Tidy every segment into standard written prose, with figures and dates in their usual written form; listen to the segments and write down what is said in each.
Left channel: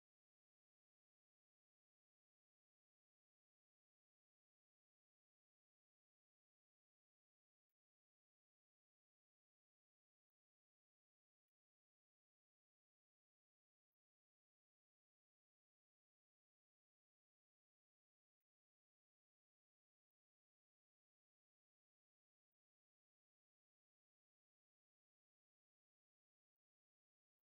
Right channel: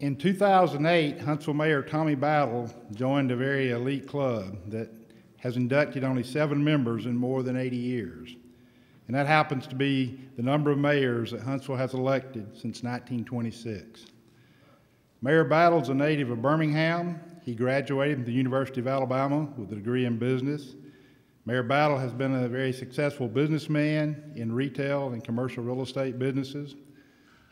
In 2008, Huntsville Mayor Tommy Battle joined a very elite club that has inducted only 7 members in more than 80 years. And that happens to be the number of mayors that Huntsville has elected since 1926. Mayor Battle is a native of Birmingham. He graduated from the University of Alabama with a degree in business. Mayor Battle has been a very successful businessman in retail and commercial real estate businesses.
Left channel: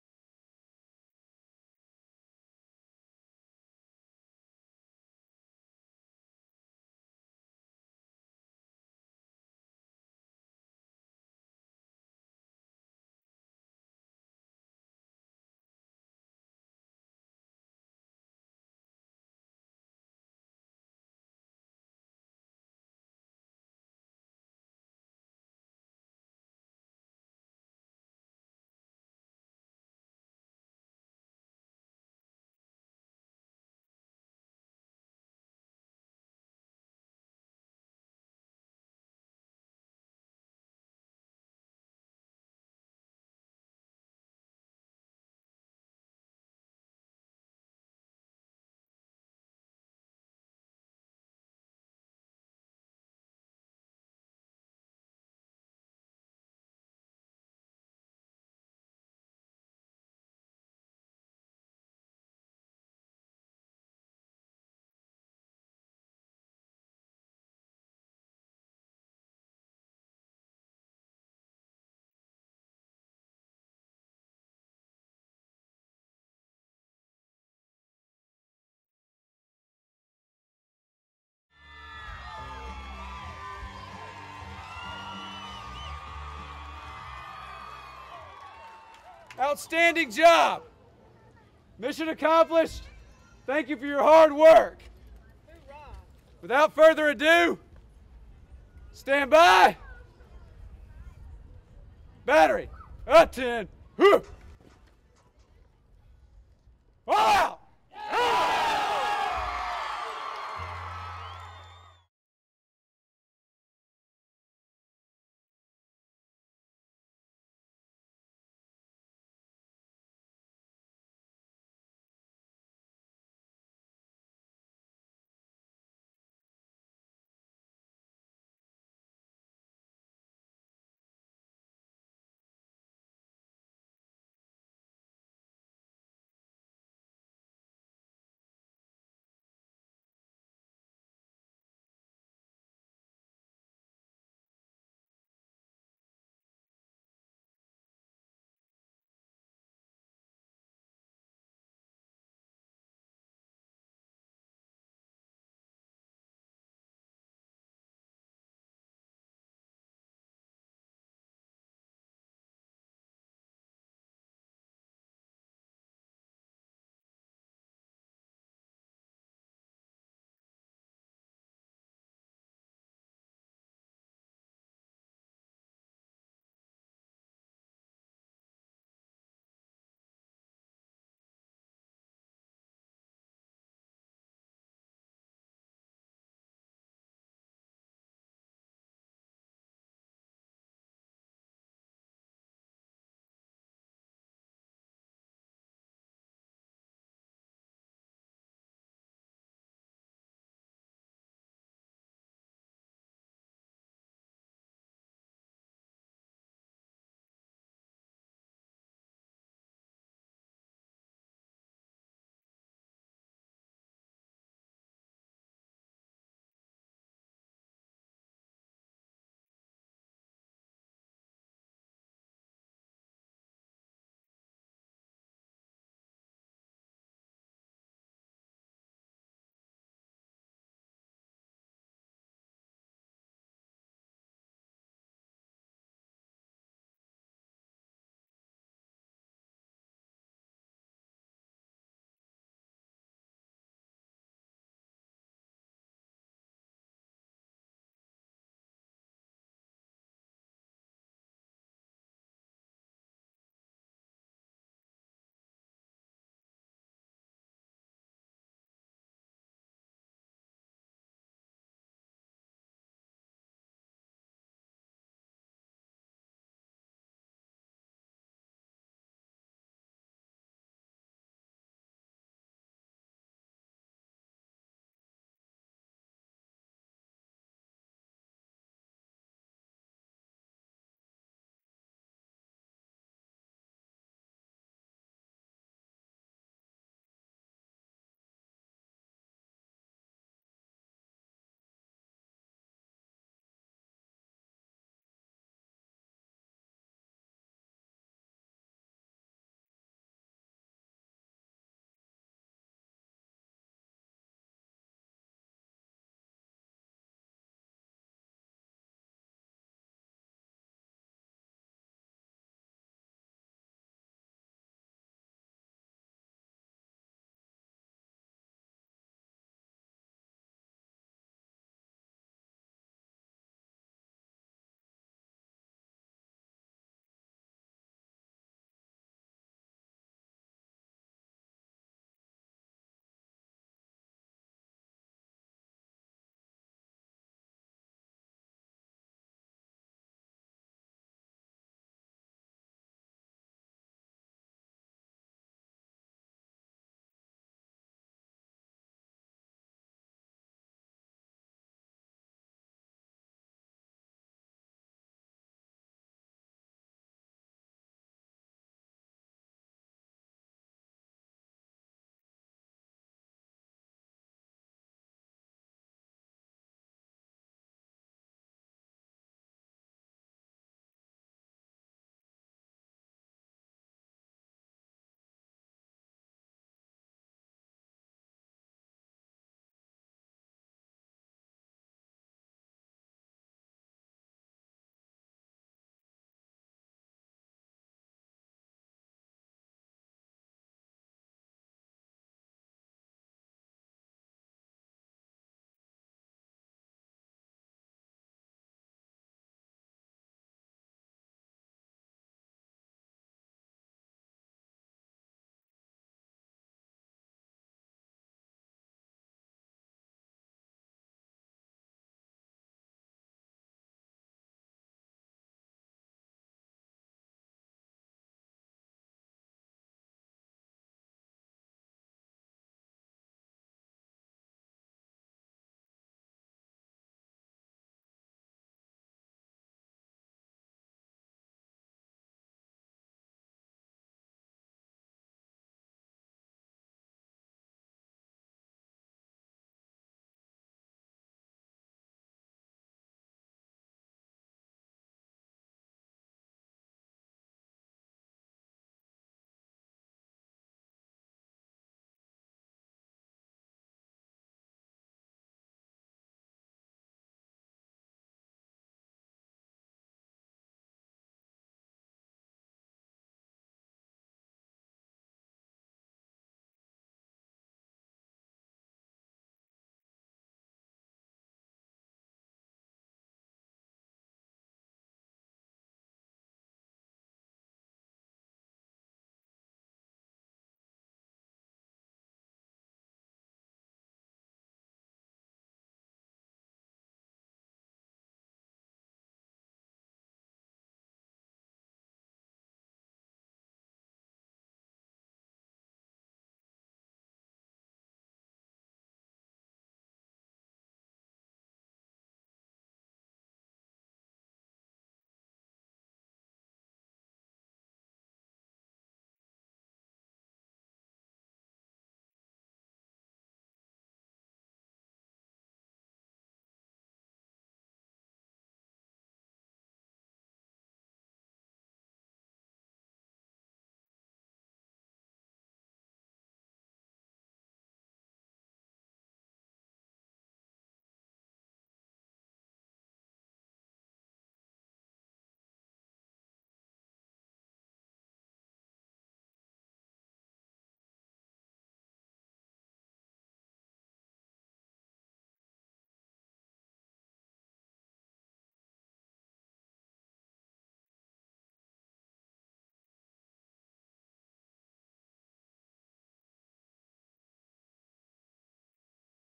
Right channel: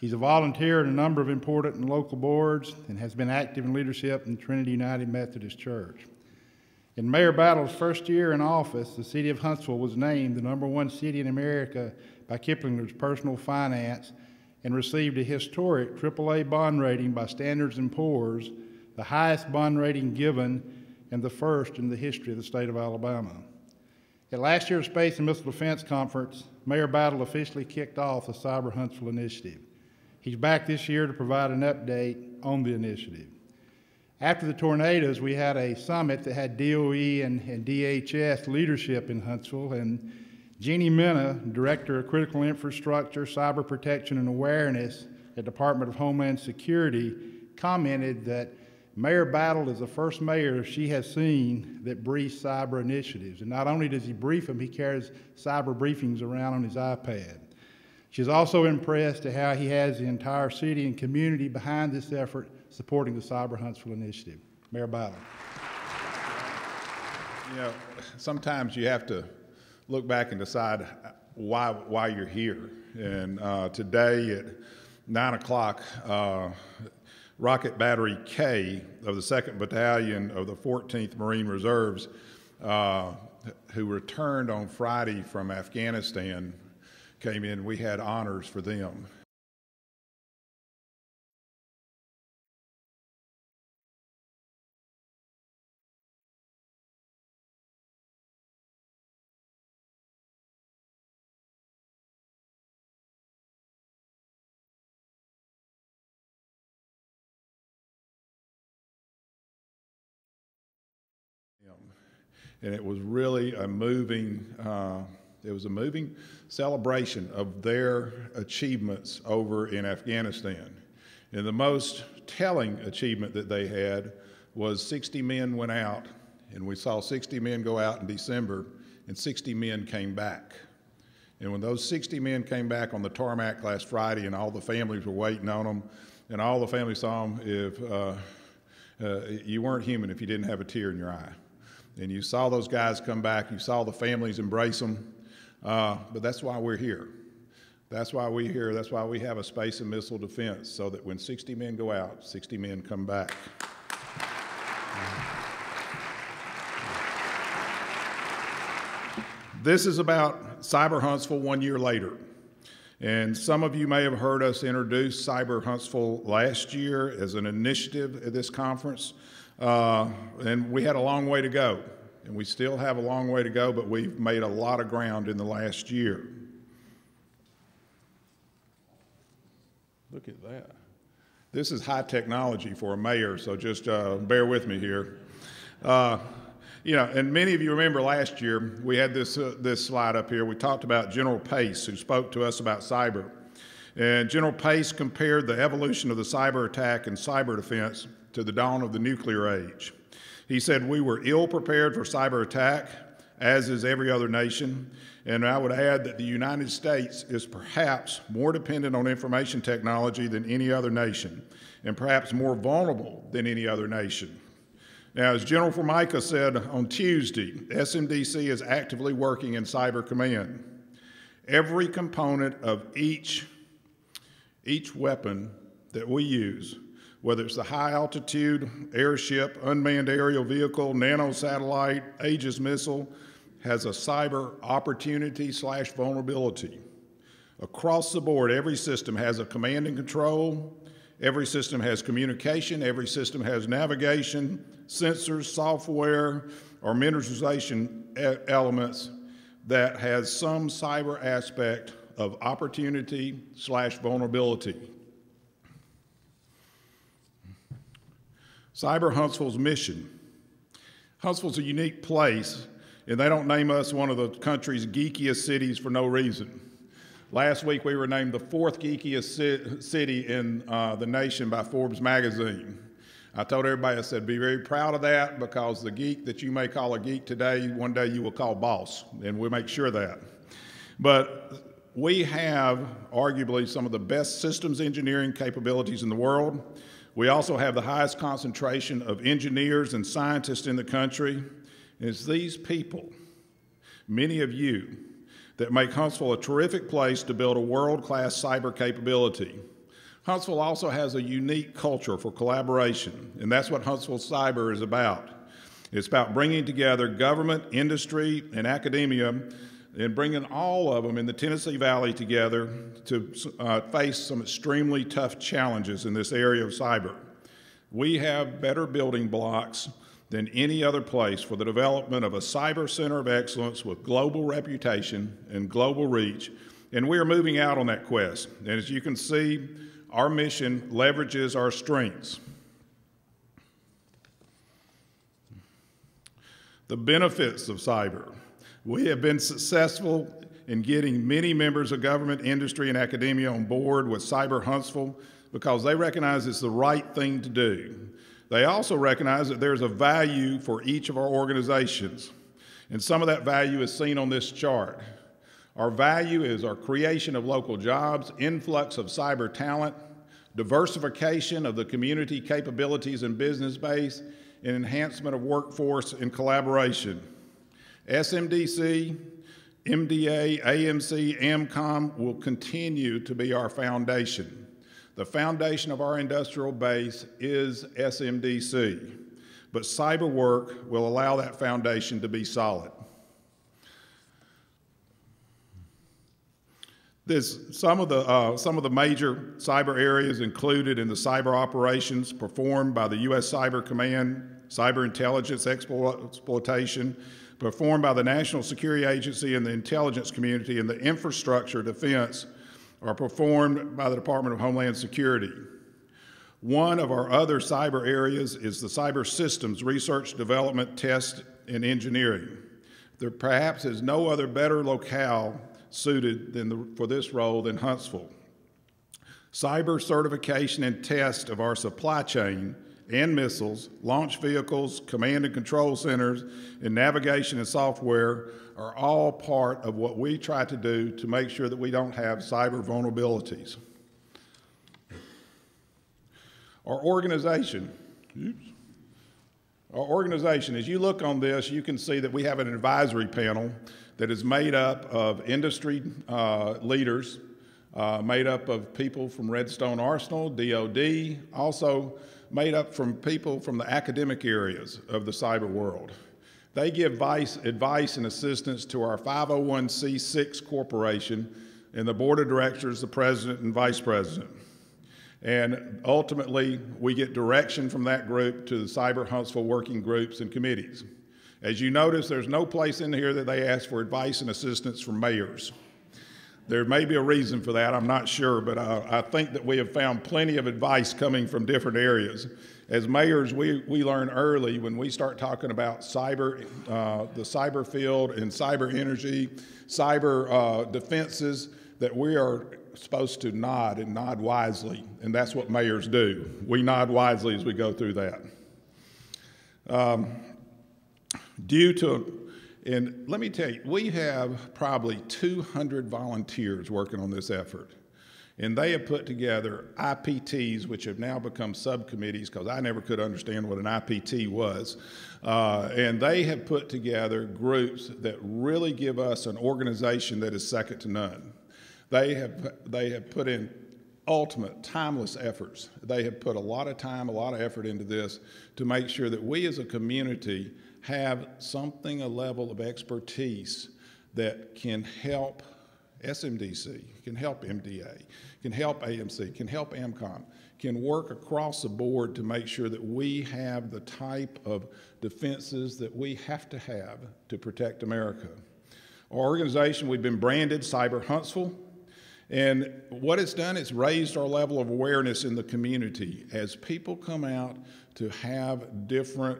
He's a volunteer in a number of important and local boards and has been active in leadership in Trinity United Methodist Church. In Mayor Battle's first year in office, the city of Huntsville was named the #1 city in America by Kiplinger's Personal Finance and received a historic AAA bond rating by Standards & Poor's, the highest bond rating given and the first in the history of the state of Alabama. At last year's Space and Missile Defense Conference, Mayor Battle officially kicked off the Cyber Huntsville Initiative. He's back this year to provide an update on the initiative. After the tornadoes, we had a summit that had DOE and DHS leadership in Huntsville, and Jeannie Mena, Director of Critical Infrastructure, Cyber Protection and Awareness at Department of Homeland Security, commented that Mayor Battle is the first mayor she has seen that briefs cyber initiatives. And not only does he brief them, he carries cyber briefings around on his iPad. She's also impressed at how he has the entire city and community behind this effort supporting the Cyber Huntsville Initiative. Mayor Battle. You know, sometimes you have to look back and decide why you're here. And today at 9 o'clock, Rocket Battery K of the 2nd Battalion of the 14th Marine Reserves, who returned on Friday from Afghanistan, came in. We had honors for them. Outstanding job. Mission accomplished. Thank you for your hard work. Without further ado, stand by. Battery, attend. Wow! And it was really a moving, celebration of their achievements over in Afghanistan. And the most telling achievement that they had was 60 men went out, and we saw 60 men go out in December, and 60 men came back. And when those 60 men came back on the tarmac last Friday, and all the families were waiting on them, and all the families saw them, you weren't human if you didn't have a tear in your eye. And you saw those guys come back, you saw the families embrace them, but that's why we're here. That's why we're here. That's why we have a space and missile defense, so that when 60 men go out, 60 men come back. This is about Cyber Huntsville 1 year later. And some of you may have heard us introduce Cyber Huntsville last year as an initiative at this conference. And we had a long way to go. And we still have a long way to go, but we've made a lot of ground in the last year. Look at that. This is high technology for a mayor, so just bear with me here. You know, and many of you remember last year, we had this slide up here. We talked about General Pace, who spoke to us about cyber. And General Pace compared the evolution of the cyber attack and cyber defense to the dawn of the nuclear age. He said, we were ill prepared for cyber attack, as is every other nation. And I would add that the United States is perhaps more dependent on information technology than any other nation, and perhaps more vulnerable than any other nation. Now, as General Formica said on Tuesday, SMDC is actively working in Cyber Command. Every component of each weapon that we use, whether it's the high-altitude airship, unmanned aerial vehicle, nano-satellite, Aegis missile, has a cyber opportunity/vulnerability. Across the board, every system has a command and control, every system has communication, every system has navigation, sensors, software, or miniaturization elements that has some cyber aspect of opportunity/vulnerability. Cyber Huntsville's mission. Huntsville's a unique place, and they don't name us one of the country's geekiest cities for no reason. Last week we were named the 4th geekiest city in the nation by Forbes magazine. I told everybody, I said, be very proud of that, because the geek that you may call a geek today, one day you will call boss, and we'll make sure of that. But we have arguably some of the best systems engineering capabilities in the world. We also have the highest concentration of engineers and scientists in the country. And it's these people, many of you, that make Huntsville a terrific place to build a world-class cyber capability. Huntsville also has a unique culture for collaboration, and that's what Huntsville Cyber is about. It's about bringing together government, industry, and academia, and bringing all of them in the Tennessee Valley together to face some extremely tough challenges in this area of cyber. We have better building blocks than any other place for the development of a cyber center of excellence with global reputation and global reach, and we are moving out on that quest. And as you can see, our mission leverages our strengths. The benefits of cyber. We have been successful in getting many members of government, industry, and academia on board with Cyber Huntsville because they recognize it's the right thing to do. They also recognize that there's a value for each of our organizations, and some of that value is seen on this chart. Our value is our creation of local jobs, influx of cyber talent, diversification of the community capabilities and business base, and enhancement of workforce and collaboration. SMDC, MDA, AMC, AMCOM will continue to be our foundation. The foundation of our industrial base is SMDC, but cyber work will allow that foundation to be solid. There's some of the major cyber areas included in the cyber operations performed by the U.S. Cyber Command, cyber intelligence exploitation, performed by the National Security Agency and the intelligence community, and the infrastructure defense are performed by the Department of Homeland Security. One of our other cyber areas is the cyber systems research, development, test, and engineering. There perhaps is no other better locale suited for this role than Huntsville. Cyber certification and test of our supply chain and missiles, launch vehicles, command and control centers, and navigation and software are all part of what we try to do to make sure that we don't have cyber vulnerabilities. Our organization, as you look on this, you can see that we have an advisory panel that is made up of industry leaders, made up of people from Redstone Arsenal, DOD, also made up from people from the academic areas of the cyber world. They give advice and assistance to our 501c6 corporation and the board of directors, the president and vice president. And ultimately, we get direction from that group to the Cyber Huntsville working groups and committees. As you notice, there's no place in here that they ask for advice and assistance from mayors. There may be a reason for that, I'm not sure, but I think that we have found plenty of advice coming from different areas. As mayors, we learn early when we start talking about cyber, the cyber field and cyber energy, cyber defenses, that we are supposed to nod and nod wisely, and that's what mayors do. We nod wisely as we go through that. And let me tell you, we have probably 200 volunteers working on this effort. And they have put together IPTs, which have now become subcommittees, because I never could understand what an IPT was. And they have put together groups that really give us an organization that is second to none. They have put in ultimate, timeless efforts. They have put a lot of time, a lot of effort into this to make sure that we as a community have something, a level of expertise that can help SMDC, can help MDA, can help AMC, can help AMCOM, can work across the board to make sure that we have the type of defenses that we have to protect America. Our organization, we've been branded Cyber Huntsville, and what it's done is raised our level of awareness in the community as people come out to have different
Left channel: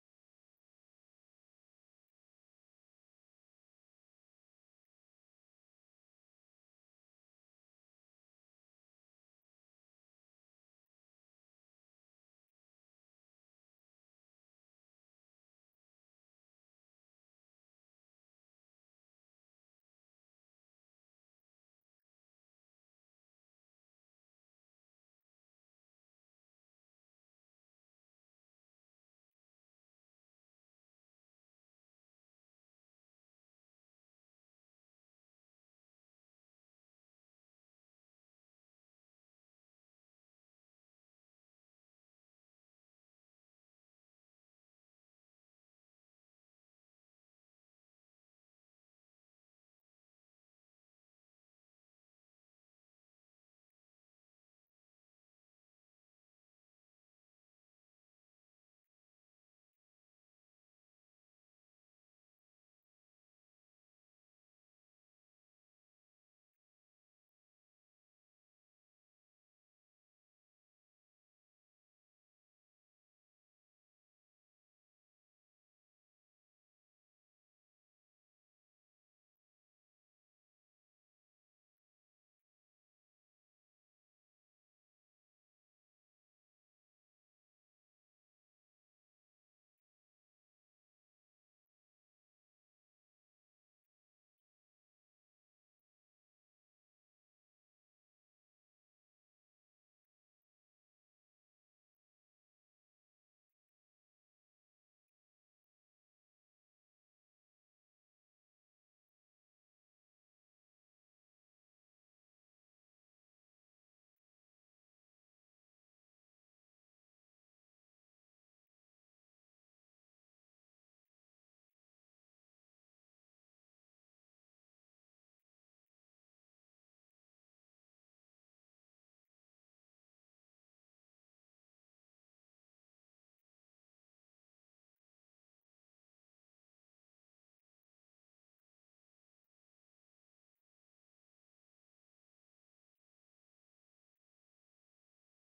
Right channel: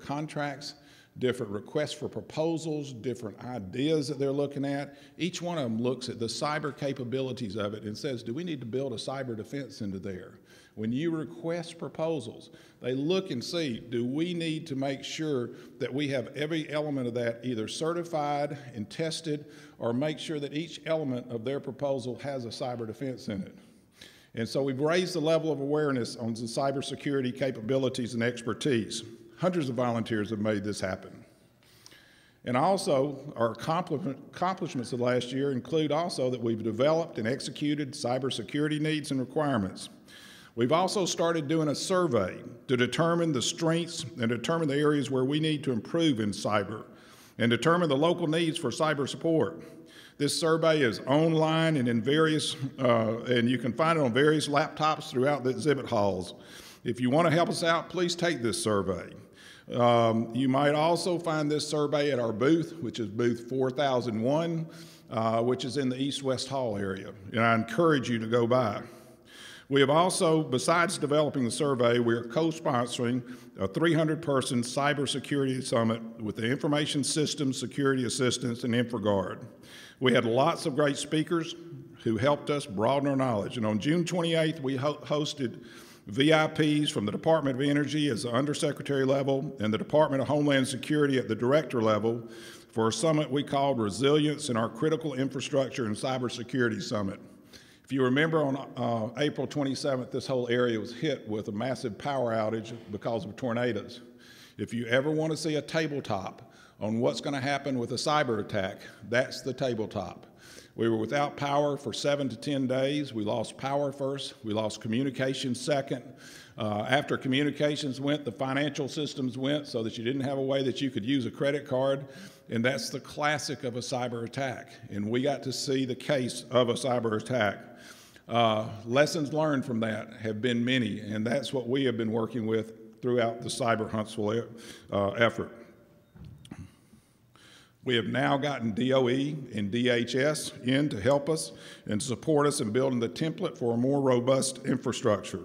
contracts, different requests for proposals, different ideas that they're looking at. Each one of them looks at the cyber capabilities of it and says, do we need to build a cyber defense into there? When you request proposals, they look and see, do we need to make sure that we have every element of that either certified and tested, or make sure that each element of their proposal has a cyber defense in it. And so we've raised the level of awareness on the cybersecurity capabilities and expertise. Hundreds of volunteers have made this happen. And also, our accomplishments of last year include also that we've developed and executed cybersecurity needs and requirements. We've also started doing a survey to determine the strengths and determine the areas where we need to improve in cyber and determine the local needs for cyber support. This survey is online and in various, and you can find it on various laptops throughout the exhibit halls. If you want to help us out, please take this survey. You might also find this survey at our booth, which is booth 4001, which is in the East-West Hall area, and I encourage you to go by. We have also, besides developing the survey, we are co-sponsoring a 300-person cybersecurity summit with the Information Systems Security Assistance and InfraGuard. We had lots of great speakers who helped us broaden our knowledge, and on June 28th, we hosted VIPs from the Department of Energy as the Undersecretary level and the Department of Homeland Security at the Director level for a summit we called Resilience in Our Critical Infrastructure and Cybersecurity Summit. If you remember, on April 27th, this whole area was hit with a massive power outage because of tornadoes. If you ever want to see a tabletop on what's going to happen with a cyber attack, that's the tabletop. We were without power for 7 to 10 days. We lost power first. We lost communications second. After communications went, the financial systems went so that you didn't have a way that you could use a credit card. And that's the classic of a cyber attack. And we got to see the case of a cyber attack. Lessons learned from that have been many, and that's what we have been working with throughout the Cyber Huntsville effort. We have now gotten DOE and DHS in to help us and support us in building the template for a more robust infrastructure.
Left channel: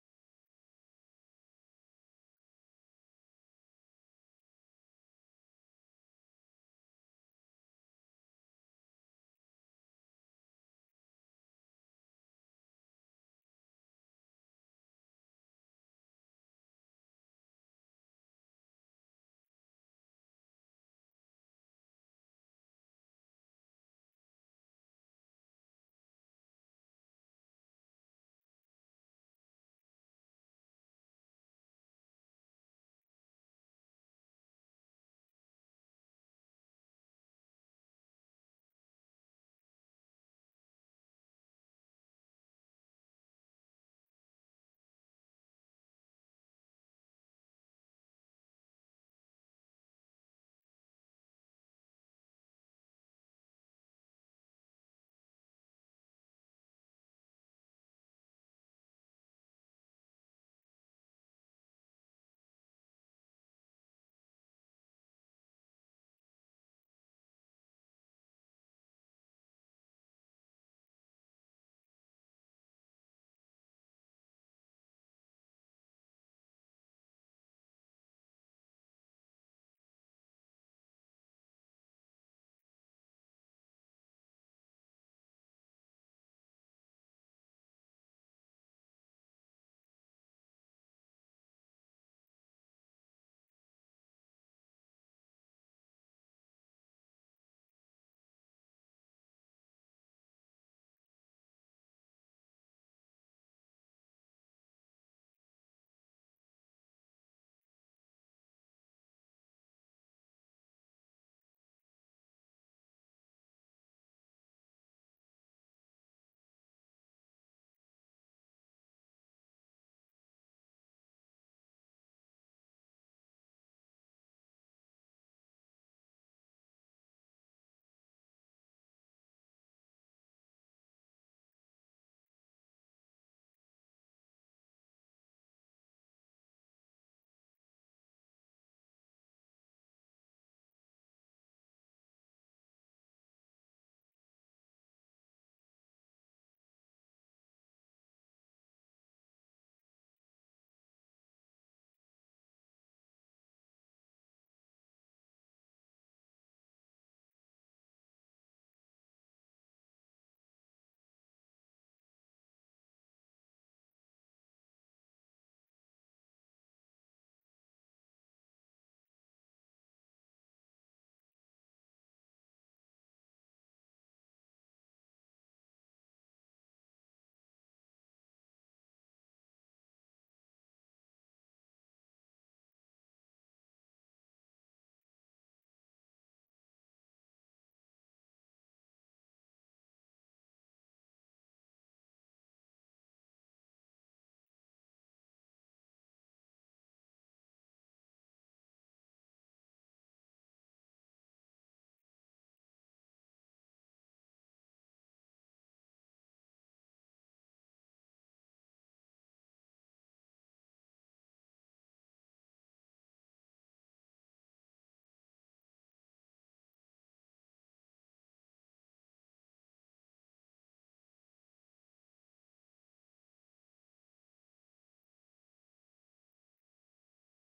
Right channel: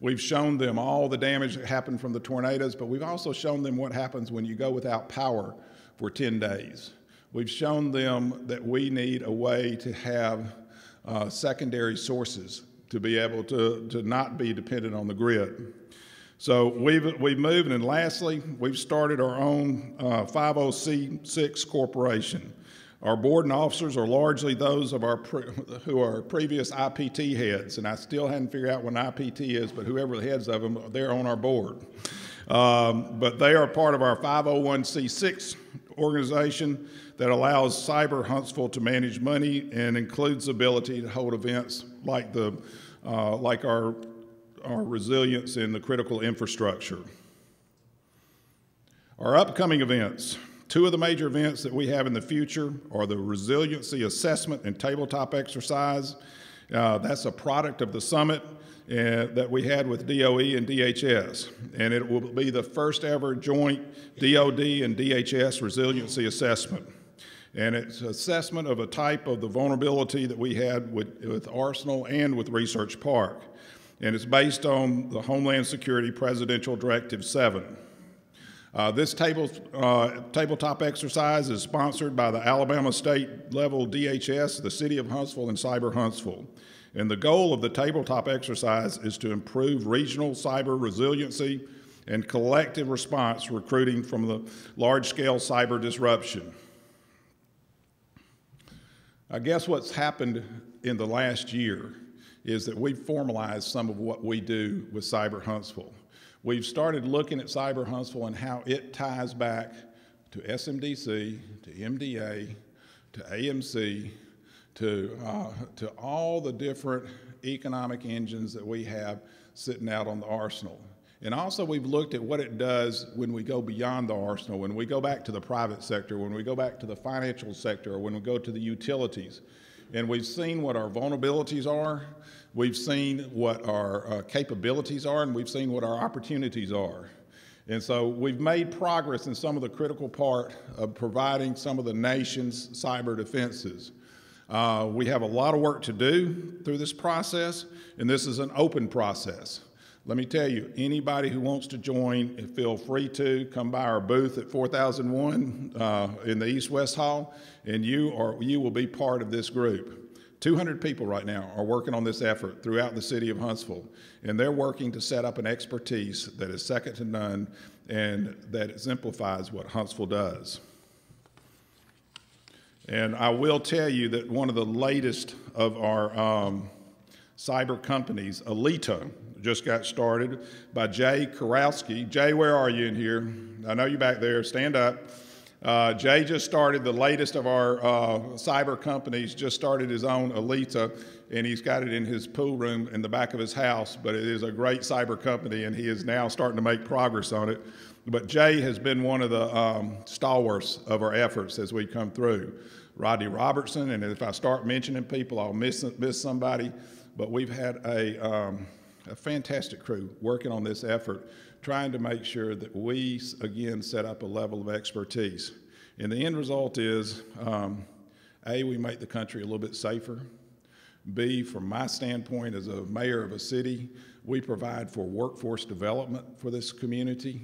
We've shown them all the damage that happened from the tornadoes, but we've also shown them what happens when you go without power for 10 days. We've shown them that we need a way to have secondary sources to be able to not be dependent on the grid. So we've moved, and lastly, we've started our own 50C6 corporation. Our board and officers are largely those of who are previous IPT heads, and I still haven't figured out what an IPT is, but whoever the heads of them, they're on our board. But they are part of our 501c6 organization that allows Cyber Huntsville to manage money and includes the ability to hold events like our resilience in the critical infrastructure. Our upcoming events. Two of the major events that we have in the future are the Resiliency Assessment and Tabletop Exercise. That's a product of the summit that we had with DOE and DHS. And it will be the first ever joint DOD and DHS resiliency assessment. And it's an assessment of a type of the vulnerability that we had with Arsenal and with Research Park. And it's based on the Homeland Security Presidential Directive 7. This tabletop exercise is sponsored by the Alabama State level DHS, the City of Huntsville, and Cyber Huntsville. And the goal of the tabletop exercise is to improve regional cyber resiliency and collective response recruiting from the large-scale cyber disruption. I guess what's happened in the last year is that we've formalized some of what we do with Cyber Huntsville. We've started looking at Cyber Huntsville and how it ties back to SMDC, to MDA, to AMC, to all the different economic engines that we have sitting out on the arsenal. And also we've looked at what it does when we go beyond the arsenal, when we go back to the private sector, when we go back to the financial sector, or when we go to the utilities. And we've seen what our vulnerabilities are, we've seen what our capabilities are, and we've seen what our opportunities are. And so we've made progress in some of the critical part of providing some of the nation's cyber defenses. We have a lot of work to do through this process, and this is an open process. Let me tell you, anybody who wants to join, feel free to come by our booth at 4001 in the East-West Hall, and you will be part of this group. 200 people right now are working on this effort throughout the city of Huntsville, and they're working to set up an expertise that is second to none and that exemplifies what Huntsville does. And I will tell you that one of the latest of our cyber companies, Alita, just got started by Jay Karowski. Jay, where are you in here? I know you're back there. Stand up. Jay just started the latest of our cyber companies, just started his own Alita, and he's got it in his pool room in the back of his house, but it is a great cyber company, and he is now starting to make progress on it. But Jay has been one of the stalwarts of our efforts as we come through. Rodney Robertson, and if I start mentioning people, I'll miss somebody, but we've had a fantastic crew working on this effort, trying to make sure that we, again, set up a level of expertise. And the end result is, A, we make the country a little bit safer. B, from my standpoint as a mayor of a city, we provide for workforce development for this community.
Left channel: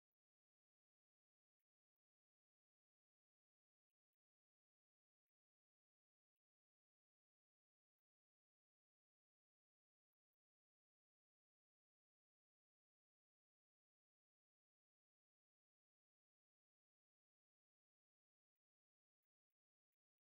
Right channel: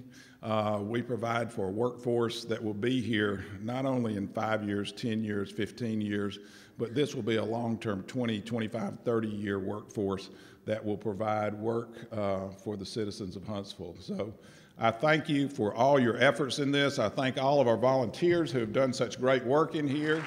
We provide for a workforce that will be here not only in 5 years, 10 years, 15 years, but this will be a long-term 20, 25, 30-year workforce that will provide work for the citizens of Huntsville. So I thank you for all your efforts in this. I thank all of our volunteers who have done such great work in here.